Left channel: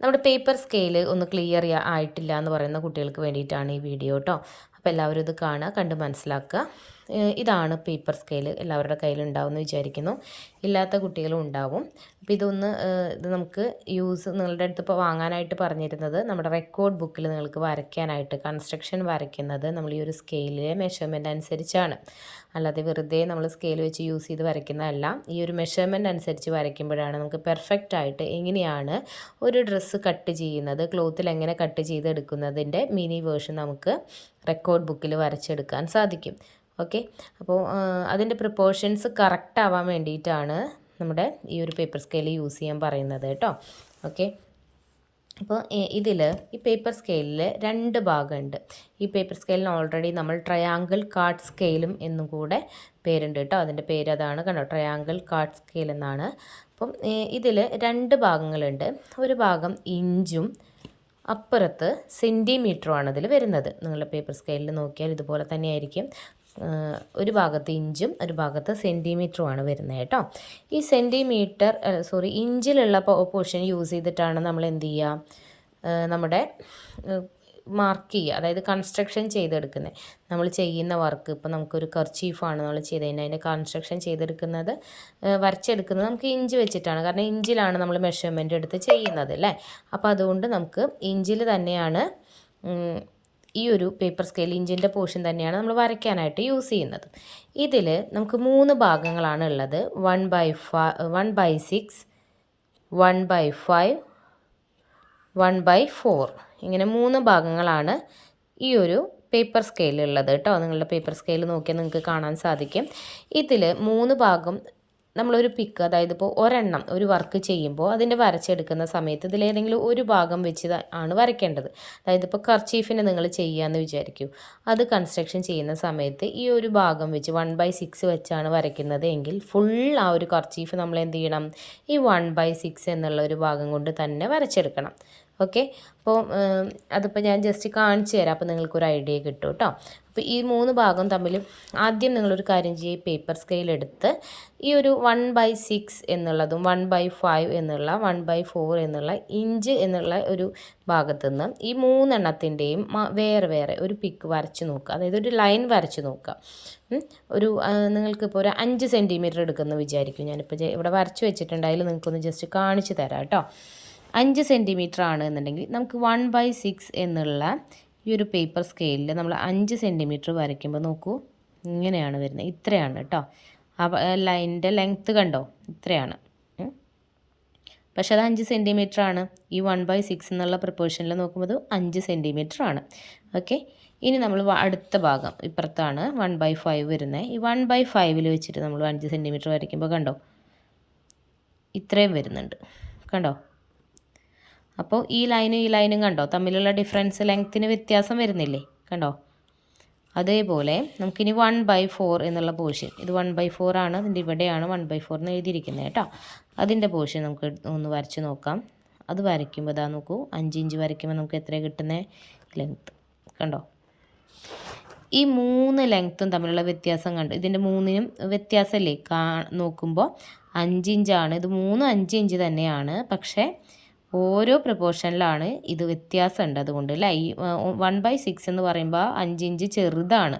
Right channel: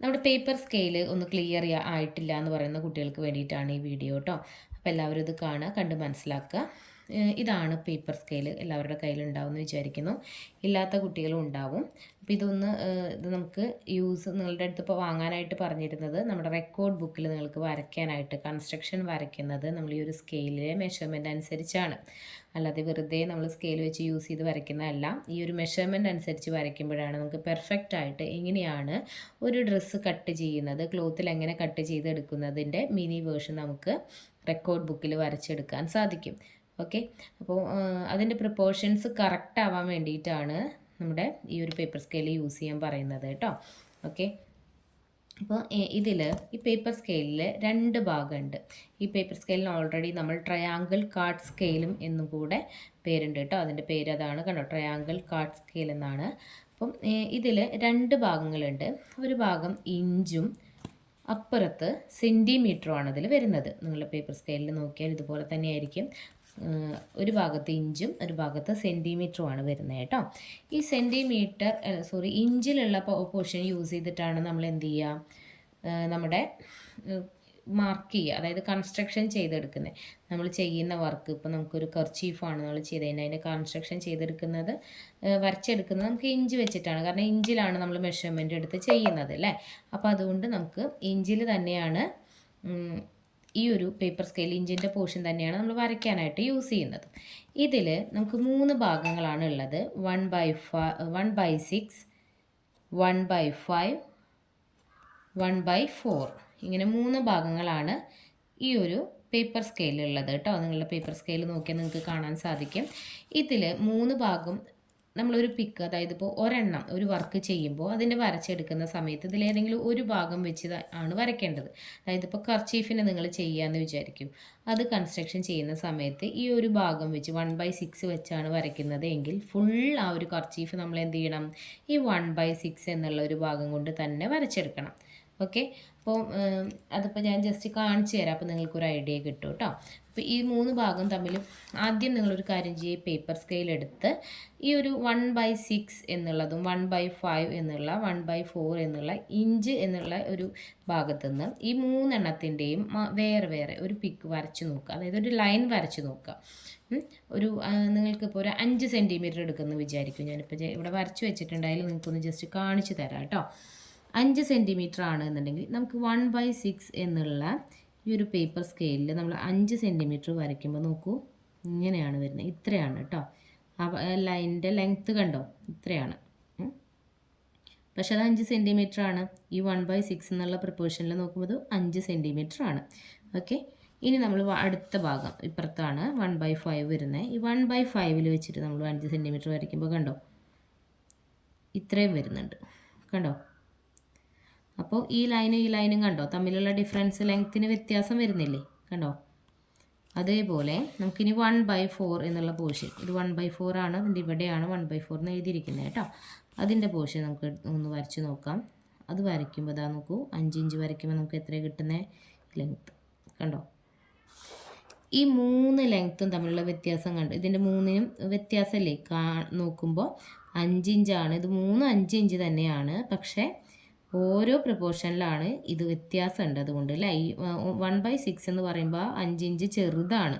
നമ്മുടെ paper scale ഒന്ന് clear ആയിട്ടില്ല എന്ന് പറയുന്ന കുട്ടികൾക്ക് വേണ്ടിയിട്ടാണ് ഈ വീഡിയോ കേട്ടോ. അപ്പോൾ എല്ലാവരും ഇത് കാണുക, കണ്ട് മനസ്സിലാക്കുക. ഇതാണ് പേപ്പർ സ്കെയിൽ, എല്ലാവരുടെ കയ്യിലുണ്ടാവുമെന്ന് വിചാരിക്കുന്നു. ഇല്ലാത്ത കുട്ടികളും ഉണ്ടാവും. അപ്പോൾ ഇത് നമുക്ക് നിങ്ങളുടെ അടുത്ത് ഇപ്പോൾ വാങ്ങാനായിട്ട് പറഞ്ഞിരുന്നത് നമ്മുടെ റെക്കോർഡ് ബുക്കിൽ നിങ്ങൾക്ക് വരയ്ക്കാനായിട്ട്, കൺസ്ട്രക്ഷൻ വരയ്ക്കുന്നത് നമ്മൾ ഈ ഒരു സ്കെയിലിലെ മെഷർമെൻറ്റ് അനുസരിച്ചാണ്. അല്ലാതെ വെറുതെ നമ്മൾ സ്കെയിൽ വെച്ച് യൂസ് ചെയ്ത് വരയ്ക്കുന്നതല്ല. ഈ ഒരു മെഷർമെൻറ്റ് അനുസരിച്ച് വരയ്ക്കുമ്പോഴാണ് നമുക്ക് പെർഫെക്റ്റ് ആയിട്ട് എങ്ങനെയാണ് ഒരു ഡ്രസ്സ് കട്ട് ചെയ്യുന്നത്, ക്ലോത്തിൽ എങ്ങനെ കട്ട് ചെയ്തെടുക്കുന്നതിൻ്റെ മിനി വേർഷൻ നമുക്ക് റെക്കോർഡ് ബുക്കിൽ വരച്ചെടുക്കാൻ സാധിക്കും. ഓക്കെ, അപ്പോൾ അതിൻ്റെ പ്രിപ്പോർഷൻസ് കറക്റ്റ് ആവാൻ വേണ്ടിയിട്ടാണ് നമ്മുടെ ഈ ഒരു പേപ്പർ സ്കെയിൽ യൂസ് ചെയ്യാൻ പറയുന്നത് കേട്ടോ. ഓക്കെ, അപ്പോൾ ഈ പേപ്പർ സ്കെയിലിൽ 2 ഭാഗമുണ്ട്. ഈ പേപ്പർ സ്കെയിലിന് ഓൾറെഡി നമ്മൾ ട്രയാങ്കിൾ കാർഡ് സ്കെയിലും എന്നും കൂടെ പേരുണ്ട് കേട്ടോ. അതിൻ്റെ പേര് അതാണ്, കണ്ടോ, ട്രയാങ്കിൾ കാർഡ് സ്കെയിൽ എന്നാണ്. അപ്പം ഇതിൽ 2 ഭാഗങ്ങളുണ്ട്. ഒരു ഭാഗം ഇഞ്ചും അപ്പുറത്ത് സെൻറ്റിമീറ്ററുമാണ് ഇതിൽ വരുന്നത്. നിങ്ങളുടെ പേപ്പർ സ്കെയിലിൽ നോക്കിയാൽ ഇതുപോലെ തന്നെയായിരിക്കും. ഒരു ഭാഗത്ത് ഇഞ്ചും ഒരു ഭാഗത്ത് സെൻറ്റിമീറ്ററുമാണ് വരുന്നത് കേട്ടോ. ഈ ഇഞ്ചിലുള്ള പോർഷൻ യൂസ് ചെയ്തിട്ടാണ് നമ്മൾ എന്ത് ചെയ്യുക, നമ്മുടെ മാർക്ക് ചെയ്യുക, അതായത് കൺസ്ട്രക്ഷൻ ചെയ്തെടുക്കുന്നത്. നമ്മൾ ചെയ്യുന്ന വർക്ക് ഇപ്പോൾ നമുക്കൊരു കർച്ചീഫാണ് നമ്മൾ ചെയ്തതിന്, അതിൻ്റെ കൺസ്ട്രക്ഷൻ ചെയ്തെടുക്കുന്നത്, വരച്ചെടുക്കുന്നത് നമുക്ക് ഇഞ്ച് വെച്ചിട്ടാണ്. കാരണം ഇഞ്ചിലാണ് നമ്മൾ മെഷർമെൻ്റ് എടുത്ത് ചെയ്യുന്നത് അല്ലേ. അപ്പോൾ അതുകൊണ്ട് നമുക്ക് ഇഞ്ചിൽ തന്നെയാണ് ഈ ഒരു പേപ്പർ സ്കെയിൽ, ഇഞ്ചിൻ്റെ പോർഷൻ തന്നെയാണ് നമ്മൾ വരയ്ക്കാനായിട്ട് യൂസ് ചെയ്യുന്നത്. ഇതിൽ നമുക്ക് 3 ഭാഗങ്ങളാണ് ഉള്ളത്. 1/6, 1/5, 1/4 ഇങ്ങനെ 3 ഭാഗങ്ങളാണ് ഈ ഒരു പേപ്പർ സ്കെയിലുള്ളത് കേട്ടോ. നിങ്ങളുടെ പേപ്പർ സ്കെയിൽ നോക്കിയാൽ നിങ്ങൾക്ക് കാണാൻ സാധിക്കും. ഇതിൽ 3 ഭാഗം നമ്മളൊരു പിക്ക്, അതായത് ഇപ്പോൾ ഒരെണ്ണം ഒരു വർക്ക് ചെയ്യുമ്പോൾ അതിൻ്റെ വരച്ചെടുക്കുന്ന സമയത്ത് ഇതിലേതെങ്കിലും ഒരു ഭാഗം വെച്ച് ആണ് വരയ്ക്കേണ്ടത്. അതായത് ഇപ്പോൾ കർച്ചീഫിനെ നിങ്ങൾ ചെയ്യാമെന്ന് വിചാരിക്കൂ. അത് കൺസ്ട്രക്ഷൻ ചെയ്യുന്ന സമയത്ത് ഈ ഒരു ഭാഗം വെച്ച് 1/6 വെച്ചാണ് വരയ്ക്കുന്നത് എങ്കിൽ ഫുൾ ആ ഒരു കർച്ചീഫ് നമ്മൾ എന്ത് ചെയ്യണം, ഈ 1/6 എന്നുള്ള ഒരു ഭാഗം കൊണ്ട് തന്നെ വരച്ചെടുക്കണം. ഓക്കെ, അപ്പോൾ അതിപ്പോൾ ഞാൻ ജസ്റ്റ് കാണിച്ചു തരാം, അപ്പോൾ നിങ്ങൾക്കൊരു ഐഡിയ കിട്ടും കേട്ടോ. അപ്പോൾ ഈ 3 ഭാഗം തമ്മിൽ ആദ്യം നിങ്ങളൊരു കാര്യം ചെയ്യുക, പേപ്പർ സ്കെയിൽ എടുത്ത് ഈ ഒരു 1/6 എന്നുള്ളതും 1/5 എന്നുള്ള 1/4 എന്നുള്ള ഇഞ്ച് എന്നുള്ള ഒരു ഭാഗത്തു നിന്ന് ഈ 3 എണ്ണത്തിൻ്റെയും വേറെ വേറെ ഒരു പിക്ക് വരച്ച് നോക്കുക, അതായത് ഒരു ലൈൻ വരച്ച് നോക്കുക. നിങ്ങൾക്കിപ്പോൾ ഒരു 5 സെൻറ്റിമീറ്റർ എടുക്കുമെന്ന് വിചാരിക്കും. ഞാനിപ്പോൾ ഇവിടെ വരച്ച് വെച്ചിട്ടുണ്ട്, അതിൽ നിങ്ങൾക്കൊന്ന് ജസ്റ്റ് കാണിച്ച് തരാം കേട്ടോ. 5 സെൻറ്റിമീറ്റർ ആണ് എന്നുണ്ടെങ്കിൽ നമുക്ക് 1/6 എന്നുള്ള ഈ ഒരു പേപ്പർ സ്കെയിലിൽ നമ്മൾ 5 സെൻറ്റിമീറ്റർ വരയ്ക്കുമ്പോൾ നോക്കൂ, ഇങ്ങനെയാണ് വരുന്നത്. ഇത്രയാണ് കേട്ടോ. ആ ലൈനിൻ്റെ ലെങ്ത്ത് കണ്ടോ, ഇത്രയാണ്. പക്ഷെ അത് 5 സെൻറ്റിമീറ്റർ ആണ്. ഈ 1/6 എന്നുള്ള പ്രപ്പോർഷനിൽ നോക്കുമ്പോൾ 5 സെൻറ്റിമീറ്റർ ആണ്. ഓക്കെ, ഇനി നമ്മൾ അടുത്ത ഭാഗം ഇപ്പുറത്താണ് 1/5 വരുന്നത്. ഈ 1/5 വെച്ചിട്ട് നമ്മൾ 5 സെൻറ്റിമീറ്റർ വരയ്ക്കുമ്പോൾ കണ്ടോ, ഇത്രയും വരുന്നുണ്ട്, കണ്ടോ. അപ്പോൾ ഈ ലൈനും കണ്ടോ, തമ്മിലുള്ള ഡിഫറൻസ്, ലെങ്ത്തിന് വ്യത്യാസം വരുന്നില്ലേ, കണ്ടോ. അതേപോലെ നമുക്കിനി 1/4 എന്നുള്ള പോർഷൻ, ഇത് 1/4 ആണ്, അതിൻ്റെ ഇവിടെയാണ് 1/4 എന്ന് എഴുതിയിരിക്കുന്നത് കേട്ടോ. അതിൻ്റെ പോർഷൻ നമുക്ക് ഒന്ന് വരച്ച് നോക്കാം. അത് വരയ്ക്കുമ്പോൾ ഇതാ നോക്കൂ, 5 ഇഞ്ച് വരയ്ക്കുമ്പോൾ നമുക്ക് എത്ര കിട്ടുന്നത് ലെങ്ത്ത്, കണ്ടോ. ഈ 3 ലെങ്ത്തും തമ്മിലുള്ള വ്യത്യാസം കണ്ടു, ഇതിൻ്റെ 3നും വ്യത്യാസമല്ലേ നോക്കുമ്പോൾ 5 ഇഞ്ചാണ്, ഇത് 5 ഇഞ്ച് തന്നെയാണ്. പക്ഷേ ഓരോ പ്രപ്പോർഷനിലാണ് ഇത് വ്യത്യാസമുണ്ട്. അതുകൊണ്ട് അല്ലേ, ഈ 1/6 എന്ന് പറയുമ്പോൾ 5 ഇഞ്ച് ചെറുതാണ്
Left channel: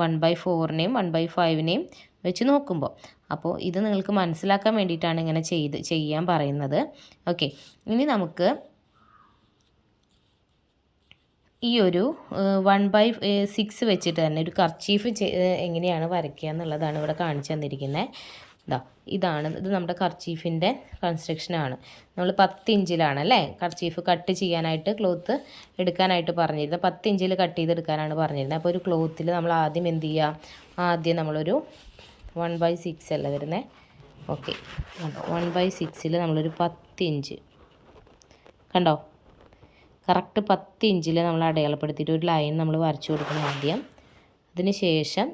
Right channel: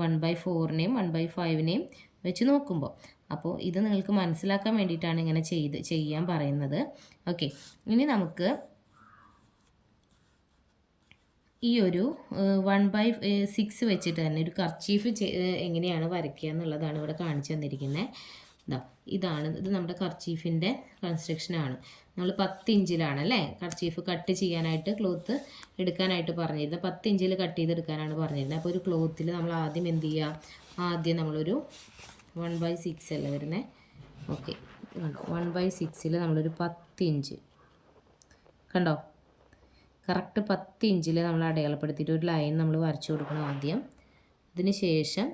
1/4നെയും 1/5നെയും വെച്ച് നോക്കുമ്പോൾ. അപ്പോൾ ഇത് നിങ്ങൾക്ക് മനസ്സിലാക്കാൻ വേണ്ടിയിട്ടാണ് ഇങ്ങനെ ചെയ്യാൻ പറയുന്നത്. ഓക്കെ, ഇനി നമുക്ക് ഈ ഒരു 1/6 വെച്ചിട്ട് തന്നെ ഒരു കർച്ചീഫ് എങ്ങനെയാണ് വരയ്ക്കുക എന്നുള്ളതാണ് ഇവിടെ കാണിച്ചു തന്നിരിക്കുന്നത്. ഇതാണ് ഇത് നമ്മുടെ കർച്ചീഫിൻ്റെ കൺസ്ട്രക്ഷനാണ്. നമ്മൾ 10 ഇഞ്ചിലാണ് അല്ലേ കർച്ചീഫ് കട്ട് ചെയ്യാനായിട്ട്, ക്ലോത്ത് എടുക്കാനായിട്ട് പറഞ്ഞിരുന്നത്. 10 ഇഞ്ചിൽ കട്ട് ചെയ്തെടുക്കാനാണ് പറഞ്ഞിരുന്നത്. അപ്പോൾ ഒരു ക്ലോത്തിൽ നമ്മൾ ആദ്യം എന്ത് ചെയ്യുക, ആദ്യം നമ്മളൊരു 1/6 അല്ല വരുന്നത്. ഓക്കെ, കണ്ടോ, 1/6 നമ്മളൊരു 10 ഇഞ്ച് കണ്ടോ, കറക്റ്റ് 10 ഇഞ്ചിൽ നമ്മൾ അടയാളപ്പെടുത്തിയിട്ട് ഒരു ലൈൻ നമ്മൾ വരച്ചു കൊടുക്കണം ആദ്യം. അതിന് ശേഷം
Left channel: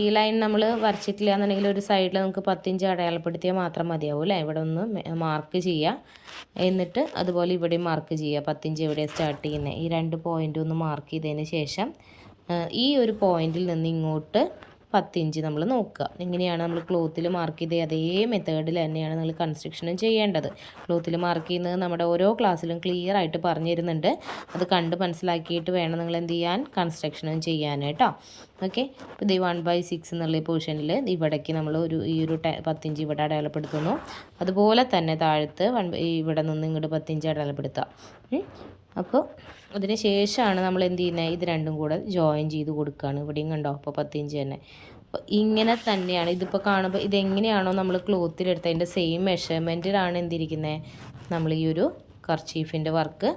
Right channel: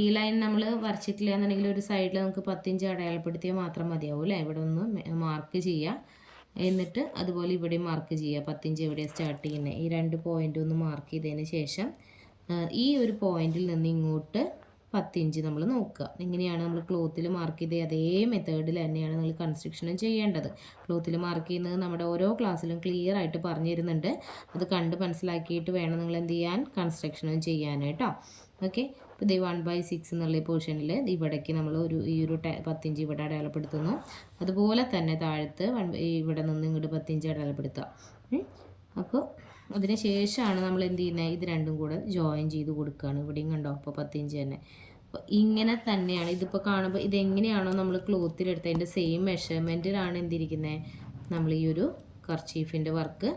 ഈ ലൈൻ നമ്മൾ വരച്ചിട്ടില്ല എന്നുണ്ടെങ്കിൽ ഒരു സൈഡിൽ നമുക്ക് 10 ഇഞ്ച് അടയാളപ്പെടുത്തിയാൽ മാത്രം മതിയാവും അല്ലേ. ഇവിടെ ഒന്ന് മാർക്ക് ചെയ്യുക, എന്നിട്ട് അതുപോലെ ഇവിടെയും മാർക്ക് ചെയ്യുക. 10 ഇഞ്ച് എവിടെ സ്റ്റാർട്ട് ചെയ്യുന്നത്, ഈ 2 പോയിൻ്റ് ഒന്ന് മാർക്ക് ചെയ്തതിന് ശേഷം ഈ ഒരു പോയിന്റിൽ നിന്ന് ഇങ്ങോട്ട് 10 ഇഞ്ച് നമ്മൾ നോക്കുക. എങ്ങനെയാണ് നമ്മൾ ക്ലോത്തിൽ മാർക്ക് ചെയ്ത് അതേ മെത്തേഡിൽ തന്നെയാണ് നിങ്ങൾ കൺസ്ട്രക്ഷനും ചെയ്യേണ്ടത്. ക്ലോത്തിൽ മാർക്ക് ചെയ്യുന്നത് നമ്മുടെ ഓരോ ക്ലാസ്സിലും ക്ലിയർ ആയിട്ട് പറഞ്ഞു തരുന്നുണ്ട്. അത് കണ്ട് മനസ്സിലാക്കിയിട്ട് വേണം നിങ്ങൾ എന്ത് ചെയ്യാൻ, കൺസ്ട്രക്ഷനും ചെയ്യാൻ കേട്ടോ. ഓക്കെ, ഇപ്പോൾ ഇത് 1/6 എന്നുള്ള പോർഷനിൽ ഇവിടേക്ക് നമ്മൾ ഈ ഒരു 10 ഇഞ്ച് ഇവിടെ അടയാളപ്പെടുത്തുന്നു. അതുപോലെ തന്നെ താഴത്ത് ഇവിടെ നിന്ന് ഇങ്ങോട്ട് 10 ഇഞ്ച് അടയാളപ്പെടുത്തുക. അപ്പോൾ അതിന് ശേഷമാണ് നമ്മൾ എന്ത് ചെയ്യുന്നത്, ഇത് രണ്ടും കൂടെ ജോയിൻ ചെയ്ത് കൊടുക്കുകയാണ്. ഇവിടെയും കണ്ടോ, അപ്പോൾ 10 ഇഞ്ച് തന്നെ. അപ്പോൾ ഇങ്ങനെ തന്നെയാണ് ഇതിപ്പോൾ കാണുമ്പോൾ ഇതെങ്ങനെയാണോ നമ്മൾ ക്ലോത്തിലെടുത്ത് അതിൻ്റെ സെയിം മെഷർമെൻറ്റിലാണ് എന്തിരിക്കുന്നത്, നമ്മൾ ഈ ഒരു കർച്ചീഫിൻ്റെ വർക്ക്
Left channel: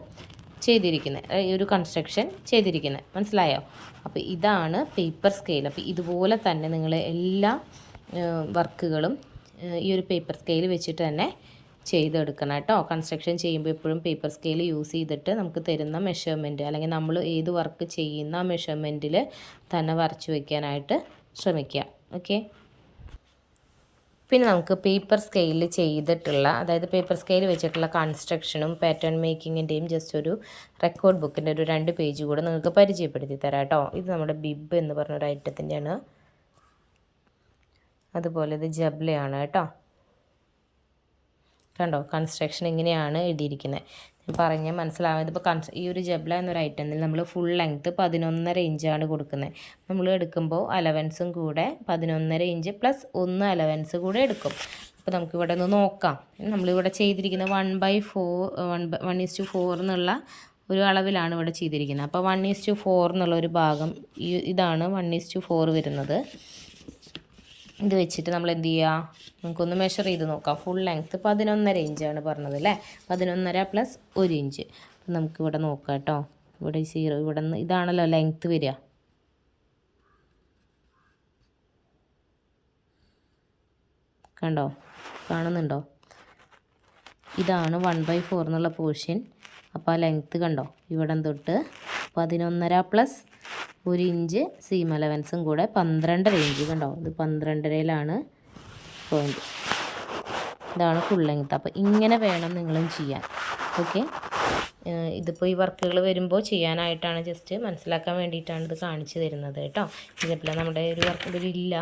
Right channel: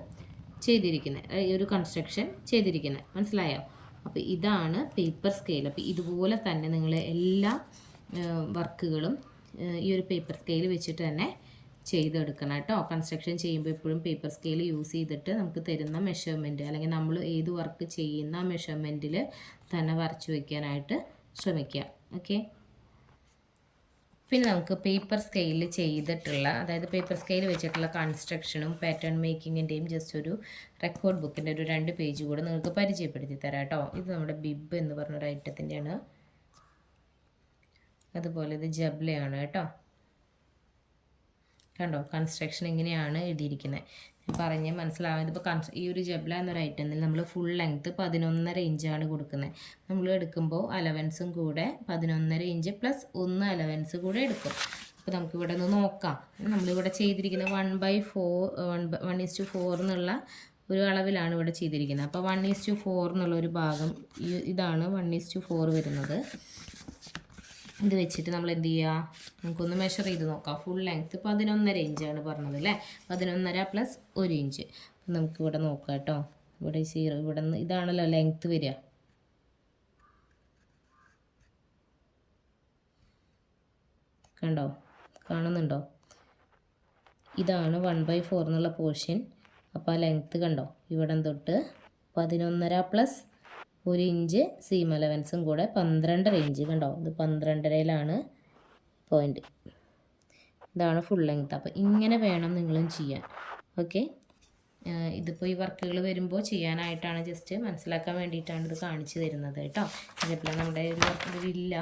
ചെയ്തിരിക്കുന്നത്, ഈ ഒരു കൺസ്ട്രക്ഷൻ ചെയ്തിരിക്കുന്നത്. മനസ്സിലായോ? അപ്പോൾ ഇതാണ് പേപ്പർ സ്കെയിൽ. അപ്പോൾ ഇതുപോലെ തന്നെ നിങ്ങൾ എല്ലാ വർക്കുകളും ഈ ഒരു പേപ്പർ സ്കെയിൽ വെച്ചിട്ട് തന്നെ ചെയ്തെടുക്കണം കേട്ടോ. കൺസ്ട്രക്ഷൻ ചെയ്യുമ്പോൾ എപ്പോഴും പേപ്പർ സ്കെയിൽ യൂസ് ചെയ്തിട്ട് നമുക്ക് തരുന്ന മെഷർമെൻറ്റ് അല്ലെങ്കിൽ നമ്മൾ ഏത് വർക്ക് ചെയ്യുന്ന ആ മെഷർമെൻറ്റിൽ തന്നെ വരച്ച് വയ്ക്കാനായിട്ട് ശ്രമിക്കുക. ഓക്കെ, പിന്നെ നമുക്ക് പേപ്പർ സ്കെയിലിൽ ചെയ്തിട്ടുള്ള, അതായത് പേപ്പർ സ്കെയിൽ വെച്ചിട്ടുള്ള കൺസ്ട്രക്ഷനും പാറ്റേൺ മേക്കിങ്ങിൻ്റെയും ജസ്റ്റ് ഒരു റെക്കോർഡ് ബുക്കിൻ്റെ ഒരു 2 പേജ് കൂടെ നിങ്ങൾക്ക് പരിചയപ്പെടുത്തി തരാം കേട്ടോ. ഇത് നമ്മുടെ ബിബ് എന്ന് പറഞ്ഞൊരു ഐറ്റത്തിൻ്റെയാണ്. അതുപോലെ ഇത് ജബ്ലയാണ് കേട്ടോ. കണ്ടോ, കൺസ്ട്രക്ഷൻ ഇങ്ങനെയാണ് എഴുതിയിരിക്കുന്നത്. പറഞ്ഞ് മനസ്സിലാവാം. ഇതിപ്പോൾ ഈ ഒരു ജബ്ല എന്നൊരു ഐറ്റത്തിൽ നമ്മൾ ഫുൾ ലെങ്ത്ത് 11.5 ഇഞ്ചാണ് കൊടുക്കുന്നത്. നമ്മൾ എടുക്കുമ്പോൾ അലവൻസും കൂടെ 11.5 ഇഞ്ച് പ്ലസ് 1 അലവൻസ് കൂടെ എടുക്കും. അപ്പോൾ നമുക്കിവിടെ ഒന്ന് നോക്കാം. നമ്മളിവിടെ ചെയ്തിരിക്കുന്നത് 1/4 എന്നുള്ള ഒരു അളവിലാണ് ഇവിടെ ചെയ്തിരിക്കുന്നത്. അപ്പോൾ 1:4 എന്നുള്ള ഒരു ഭാഗം ഇതാണ് 1:4 വരുന്നത്. ഇത് വെച്ചിട്ട് നമ്മൾ എന്ത് ചെയ്യുക, നമുക്കൊന്ന് മെഷർ ചെയ്ത് നോക്കാം. ഫുൾ ലെങ്ത്ത് 11.5 ഇഞ്ചാണ് പറഞ്ഞത് അല്ലേ. 11.5 പ്ലസ് 1 ഇഞ്ച്. അപ്പം നമുക്കിവിടെ നോക്കാം കേട്ടോ. ഇവിടെ 0 ഇവിടെ നിന്ന് ഇതാണല്ലോ ലെങ്ത്ത് വരിക. കണ്ടോ, കാണുന്നുണ്ടോ? ഇതാണ് 1/4 എന്നുള്ള പോർഷൻ. അപ്പോൾ ആ ലെങ്ത്ത് കണ്ടോ, ഇവിടെ തൊട്ട് 11.5 പ്ലസ് 1 ഇഞ്ച് സീം അലവൻസും കൂടെ 12.5 ഇഞ്ച്. കണ്ടോ, ഇത് 12.5ലാണ് പോയിൻറ്റ്. ഇതാണ് ഫുൾ ലെങ്ത്ത്. അപ്പോൾ ഇങ്ങനെ വേണം നിങ്ങളും ചെയ്യാൻ. ഓക്കെ, ഇതിപ്പോൾ ഈ വർക്കുകൾ വരുമ്പോൾ ചെയ്യാനായിട്ടാണ്, ജസ്റ്റ് മനസ്സിലാക്കാൻ വേണ്ടിയിട്ടാണ് ഇത് കാണിച്ചു തരുന്നത് കേട്ടോ. ഇതിപ്പോൾ നമ്മുടെ ഒരു വർക്ക് ഇതിലില്ല.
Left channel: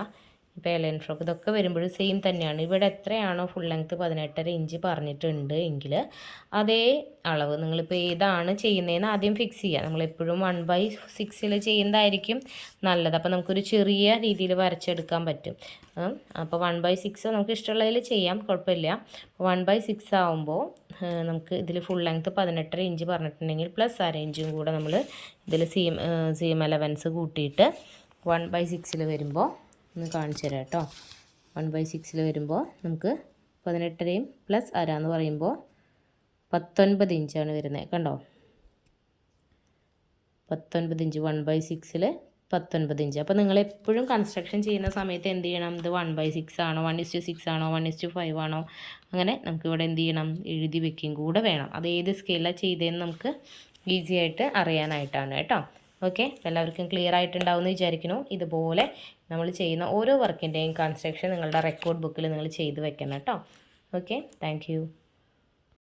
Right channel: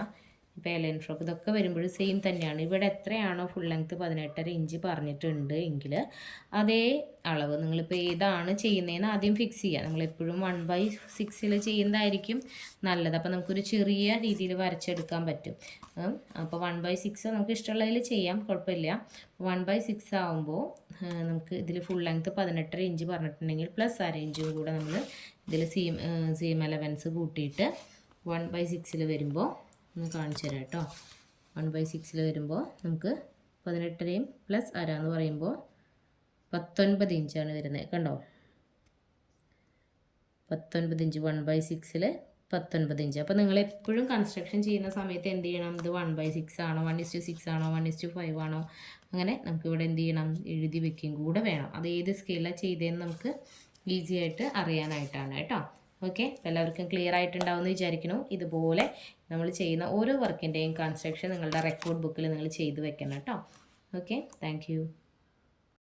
ഇപ്പോൾ എലൈൻ ഫ്രോക്ക് ഇതൊക്കെ വരുമ്പോഴും സെയിം തന്നെയാണ്. ഇവിടെ എത്രയാണോ ഫുൾ ലെങ്ത്ത് 18.5 ഇഞ്ച് പറഞ്ഞിട്ടുണ്ട് എങ്കിൽ അതേ അളവ് നിങ്ങളിപ്പോൾ ഏതാണ് ചെയ്യുന്നതെന്ന് ആദ്യം ഫിക്സ് ചെയ്യുക. നമ്മളെപ്പോഴും 1/6 ചെയ്യുന്നതായിരിക്കും നല്ലത്. അപ്പോൾ നമുക്കൊരു ചെറിയ രീതിയിൽ വരച്ചെടുക്കാൻ പറ്റും. അപ്പോൾ 1/6 നമുക്ക് ഇഷ്ടമുള്ളതിൽ ചെയ്യാം, കുഴപ്പമില്ല. 1/6 ആകുമ്പോൾ നമുക്ക് ഇതിൽ ഫുൾ ലെങ്ത്ത് 18.5 ഇഞ്ച് പറഞ്ഞിട്ടുണ്ടെങ്കിൽ പ്ലസ് 1/2 ഇഞ്ചും കൂടെ നമ്മൾ ഇതിൽ സീം അലവൻസ് കൂട്ടിയിട്ട് 1/6 വരുമ്പോൾ ഒന്ന് കാണിച്ചു തരാം കേട്ടോ. 1/6 വരുമ്പോൾ നമുക്ക് 18.5 പ്ലസ് 1/2 എന്ന് പറയുമ്പോൾ 19 ഇഞ്ചാണ് വരുന്നത്. കണ്ടോ, 19 ഇഞ്ച് 1/6 19 ഇഞ്ച്. അപ്പോൾ നിങ്ങൾ എപ്പോഴും കൺസ്ട്രക്ഷൻ ചെയ്യുന്ന സമയത്ത് എന്ത് ചെയ്യണം, ഇത് 1/6 ആണോ 1:6 ആണോ 1:5 ആണോ അങ്ങനെ നമുക്കിവിടെ എന്ത് ചെയ്യണം, എഴുതി വെക്കുകയും കൂടെ വേണം. അത് ഏത് സ്കെയിലാണ് ചെയ്തതെന്ന് നമുക്ക് ഈസി ആയിട്ട് അറിയാനായിട്ടാണ് കേട്ടോ. ഓക്കെ, എല്ലാവർക്കും ക്ലിയർ ആയിട്ടുണ്ടാവുമെന്ന് വിചാരിക്കുന്നു. ഇതുപോലെ നമ്മൾ ചെയ്യുന്ന ഓരോ വർക്കിൻ്റെയും കൺസ്ട്രക്ഷൻ നിങ്ങളുടെ റെക്കോർഡ് ബുക്കിൽ നിങ്ങൾ ചെയ്ത് വെക്കണം കേട്ടോ. Okay, thank you.